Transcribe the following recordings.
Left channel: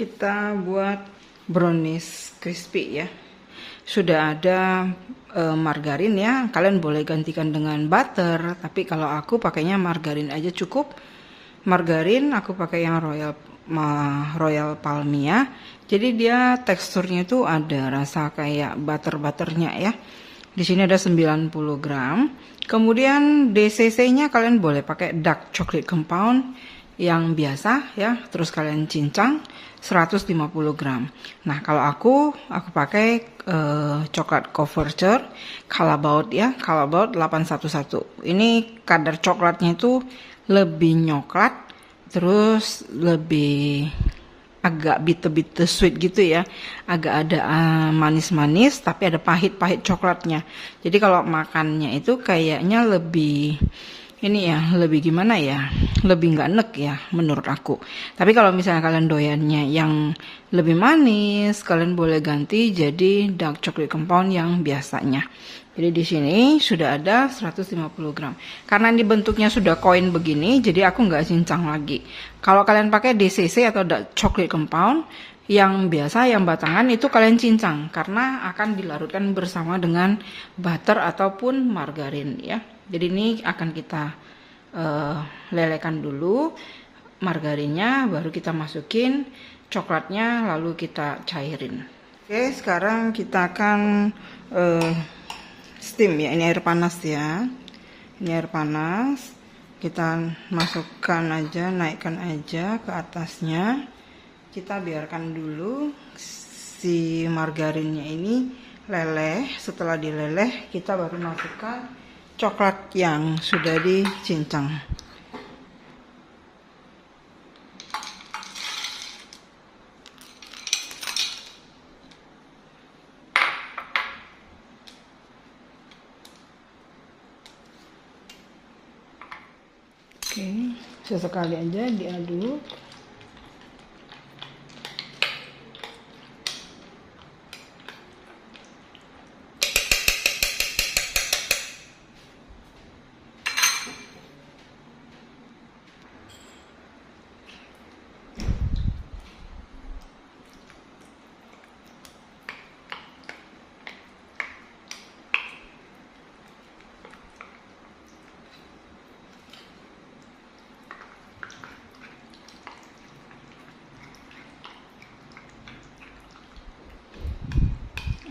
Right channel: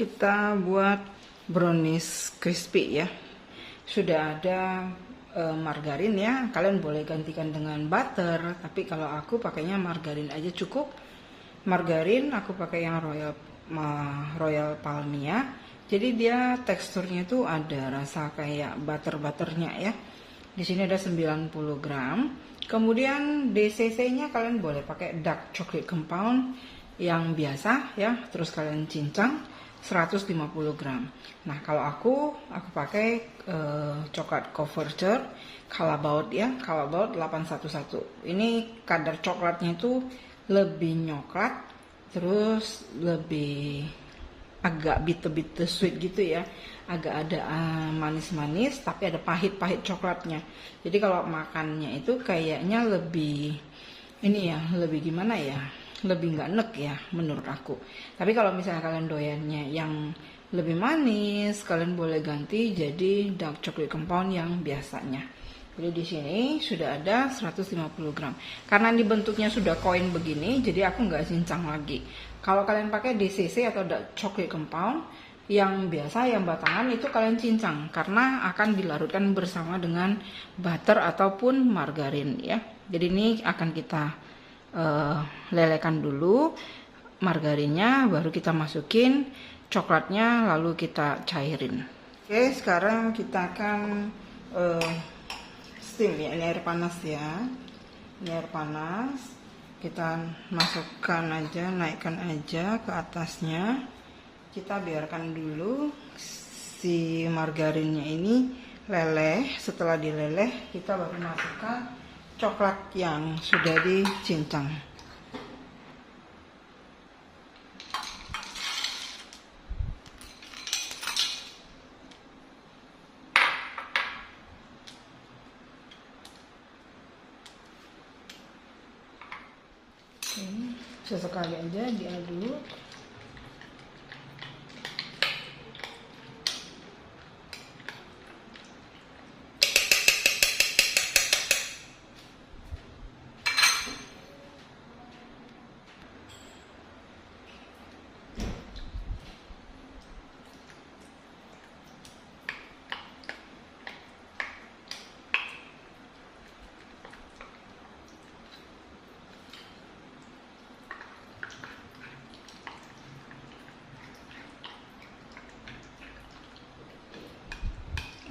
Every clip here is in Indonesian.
Kita buat brownies crispy ya. Sudah ada margarin ya, kalian boleh gantikan dengan butter, tapi kalau aku pakainya margarin aja cukup. Margarin aku pakai yang Royal Palmia, jadi dia teksturnya itu ada rasa kayak butter-butternya ya. Di sini ada 90 gram. Kemudian DCC-nya kalian boleh pakai dark chocolate compound yang biasa ya, terus kalian cincang 150 gram. Nah, kalau aku pakai coklat Couverture Calabaut ya, Calabaut 811. Ini kadar coklatnya itu lebih nyoklat, terus lebih agak bitter sweet gitu ya, agak ada manis-manis tapi ada pahit-pahit coklatnya. Jadi kalau makannya itu kayaknya lebih ini ya, lebih gimana ya, lebih nggak enek ya menurut aku. Tapi kalau misalnya kalian doyannya yang lebih manis, kalian boleh ganti jadi dark chocolate compound yang biasanya. Jadi di sini sudah ada 150 gram. Karena ini bentuknya sudah koin begini, jadi aku nggak cincang lagi. Kalau kalian pakai DCC atau dark chocolate compound yang biasa, yang batangan itu kalian cincang karena akan dilarutkan bersama dengan butter ataupun margarin ya. Jadi ini akan kita lelekan dulu margarinnya, baru kita masukin coklatnya, lalu kita cairin. Oke, sekarang kita akan steam ya. Ini air panas ya. Ini air panas. Kita masukkan aja, naikkan aja ke atasnya. Kita biarkan dulu si margarinnya ini leleh. Setelah dileleh, kita baru masukkan coklat yang sudah dicincang. Oke, sesekali aja diaduk.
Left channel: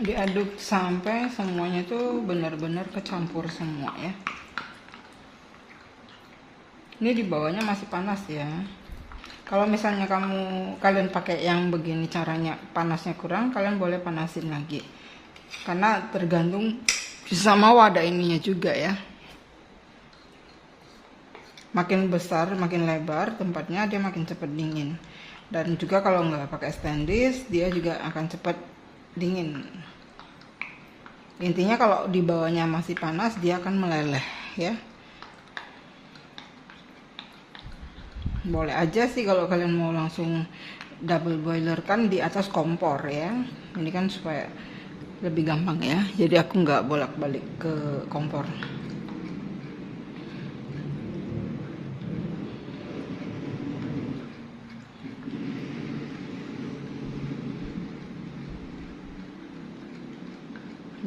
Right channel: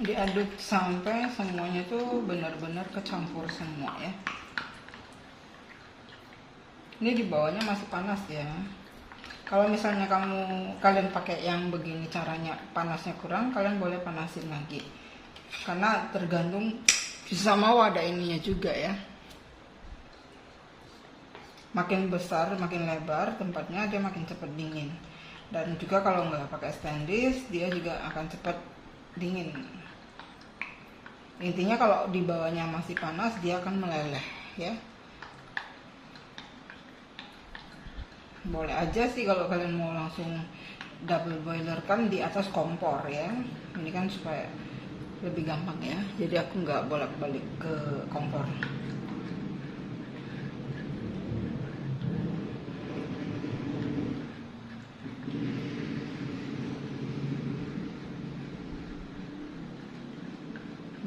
Diaduk sampai semuanya tuh benar-benar kecampur semua ya. Ini di bawahnya masih panas ya. Kalau misalnya kalian pakai yang begini caranya panasnya kurang, kalian boleh panasin lagi. Karena tergantung sama wadah ininya juga ya. Makin besar, makin lebar tempatnya, dia makin cepat dingin. Dan juga kalau nggak pakai stainless, dia juga akan cepat dingin. Intinya kalau di bawahnya masih panas, dia akan meleleh ya. Boleh aja sih kalau kalian mau langsung double boiler kan di atas kompor ya. Ini kan supaya lebih gampang ya. Jadi aku nggak bolak-balik ke kompor.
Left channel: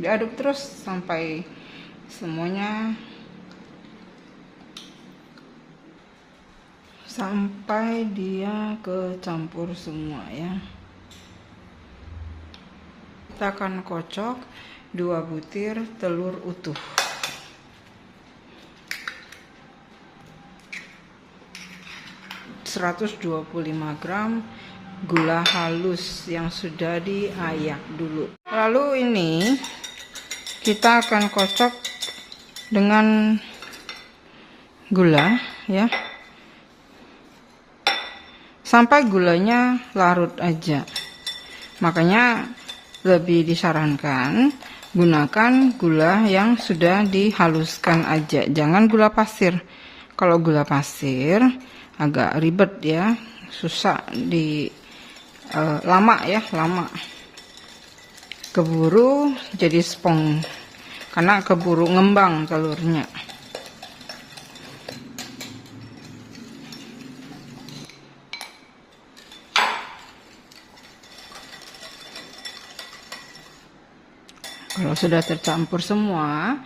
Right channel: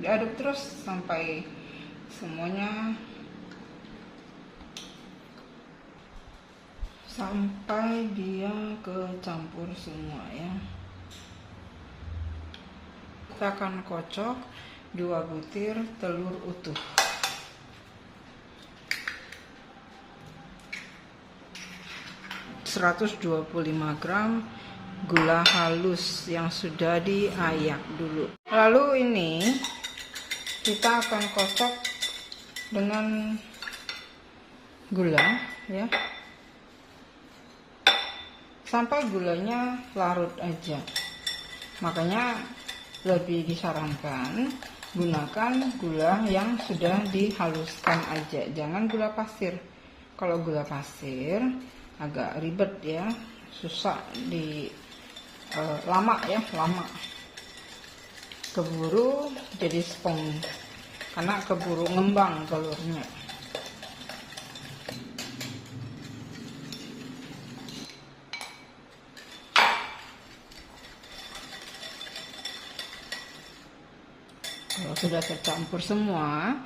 Diaduk terus sampai semuanya, sampai dia kecampur semua ya. Kita akan kocok 2 butir telur utuh. ...125 gram gula halus yang sudah diayak dulu. Lalu ini kita akan kocok dengan gula ya, sampai gulanya larut aja. Makanya lebih disarankan gunakan gula yang sudah dihaluskan aja, jangan gula pasir. Kalau gula pasir agak ribet ya, susah lama ya, keburu jadi spong karena keburu ngembang telurnya. Kalau sudah tercampur semua,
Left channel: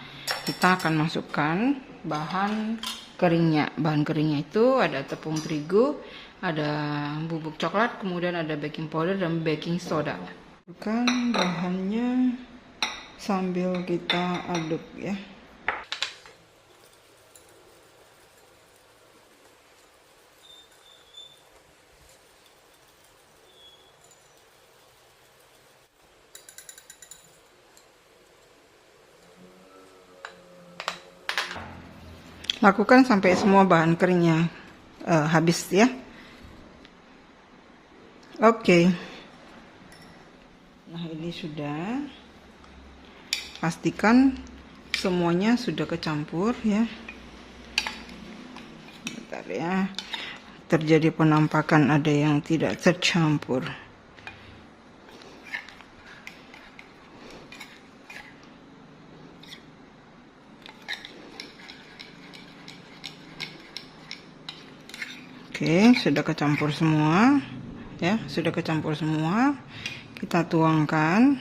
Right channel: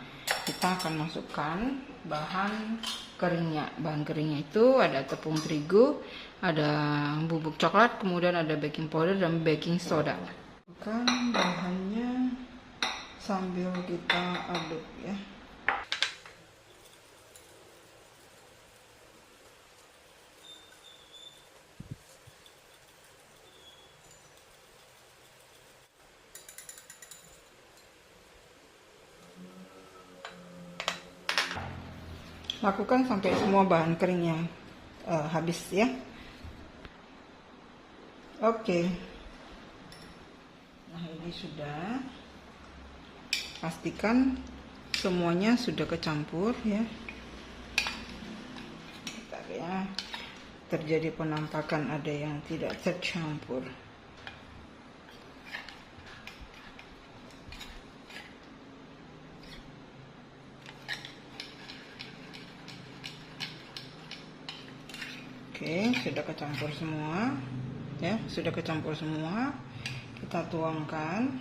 kita akan masukkan bahan keringnya. Bahan keringnya itu ada tepung terigu, ada bubuk coklat, kemudian ada baking powder dan baking soda. Masukkan bahannya sambil kita aduk ya. Lakukan sampai semua bahan keringnya habis ya. Oke. Nah, ini sudah. Pastikan semuanya sudah kecampur ya. Bentar ya. Terjadi penampakan ada yang tidak tercampur. Oke, sudah kecampur semua ya, sudah kecampur semua. Kita tuangkan.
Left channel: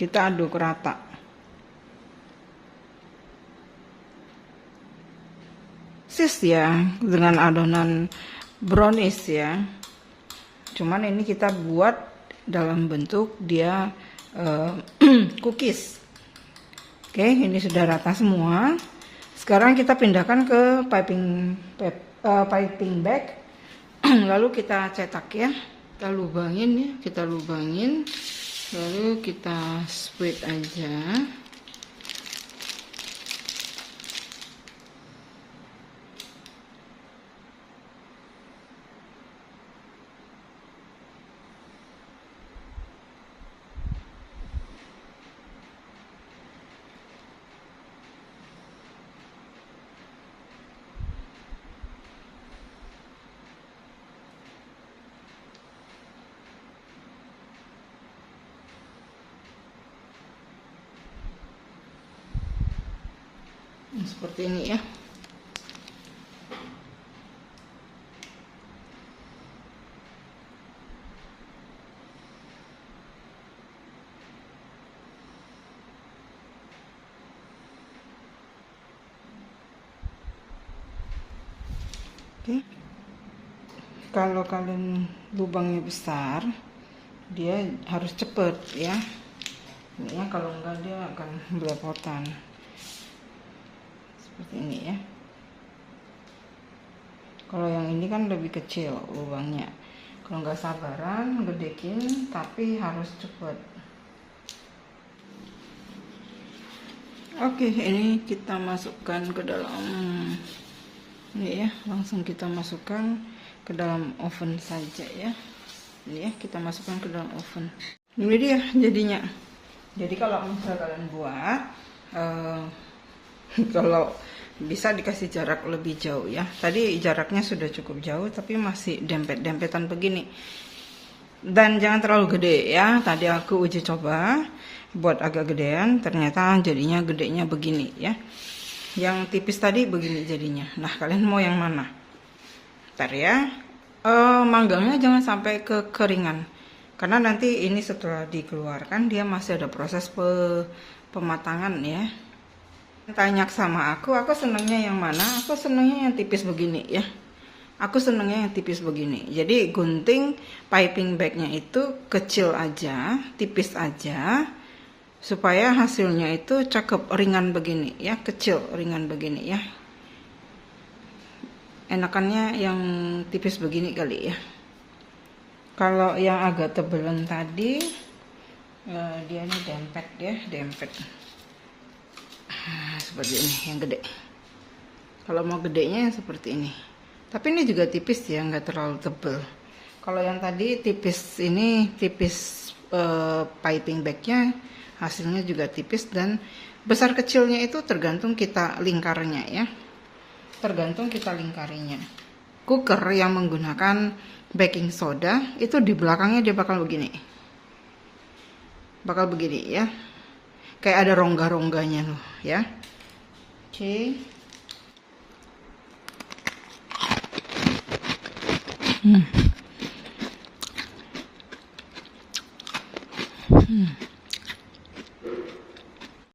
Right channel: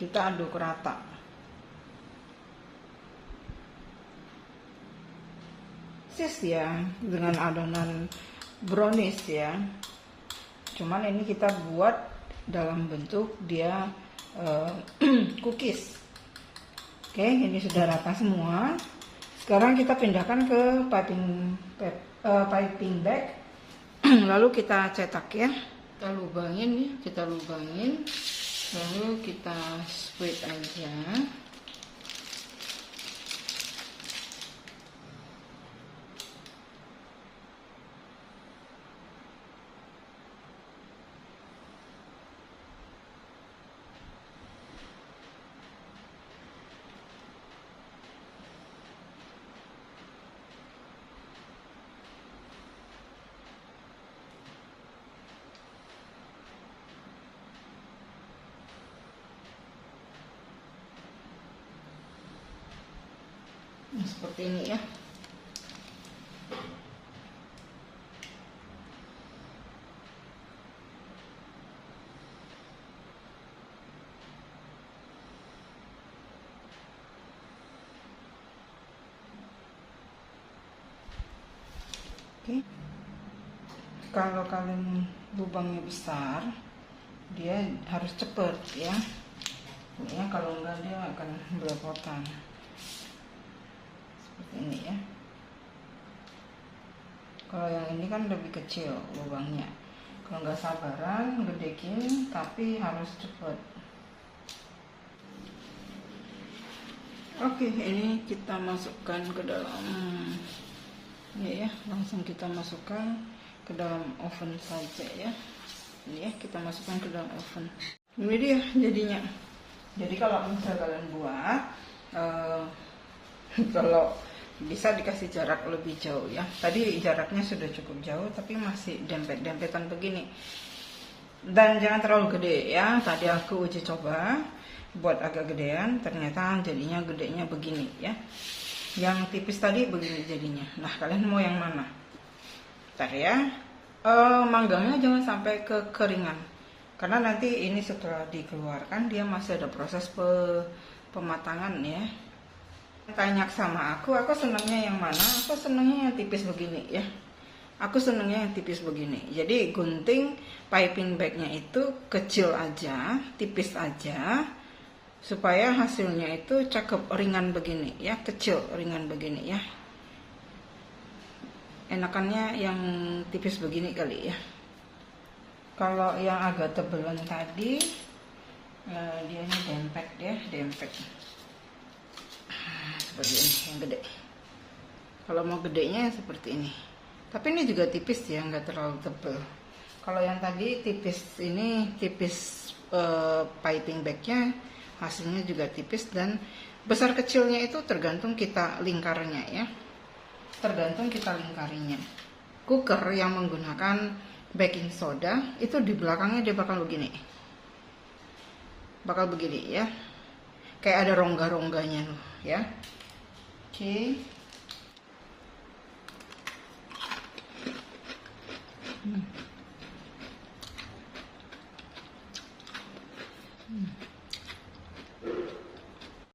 Kita aduk rata. Sis ya, dengan adonan brownies ya. Cuman ini kita buat dalam bentuk dia cookies. Oke, ini sudah rata semua. Sekarang kita pindahkan ke piping bag. Lalu kita cetak ya. Kita lubangin ya, kita lubangin. Lalu kita spread aja. Seperti ini ya. Oke. Kalau kalian lubangnya besar, dia harus cepet ya. Ini ya, kalau enggak dia akan belepotan. Seperti ini ya. Kalau yang ini kan lebih kecil lubangnya. Kalau nggak sabaran gedekin, tapi harus cepat. Oke, ini kita masukkan ke dalam ini ya, langsung kita masukkan ke dalam oven saja ya. Ini ya, kita masukkan ke dalam oven. Ini dia jadinya. Jadi kalau misalnya kalian buat kalau bisa dikasih jarak lebih jauh ya. Tadi jaraknya sudah cukup jauh tapi masih dempet-dempetan begini. Dan jangan terlalu gede ya. Tadi aku uji coba buat agak gedean, ternyata jadinya gedenya begini ya. Yang tipis tadi begini jadinya. Nah, kalian mau yang mana? Ntar ya. Manggangnya jangan sampai kekeringan. Karena nanti ini setelah dikeluarkan dia masih ada proses pematangan ya. Tanya sama aku senangnya yang mana? Aku senangnya yang tipis begini ya. Aku senangnya yang tipis begini. Jadi gunting piping bagnya itu kecil aja, tipis aja, supaya hasilnya itu cakep ringan begini ya, kecil ringan begini ya. Enakannya yang tipis begini kali ya. Kalau yang agak tebelan tadi, dia ini dempet ya, dempet. Seperti ini yang gede. Kalau mau gedenya seperti ini. Tapi ini juga tipis ya, nggak terlalu tebel. Kalau yang tadi tipis ini, tipis piping bagnya hasilnya juga tipis, dan besar kecilnya itu tergantung kita lingkarnya ya. Tergantung kita lingkarinya. Cooker yang menggunakan baking soda itu di belakangnya dia bakal begini. Bakal begini ya. Kayak ada rongga-rongganya ya. Oke. Hmm.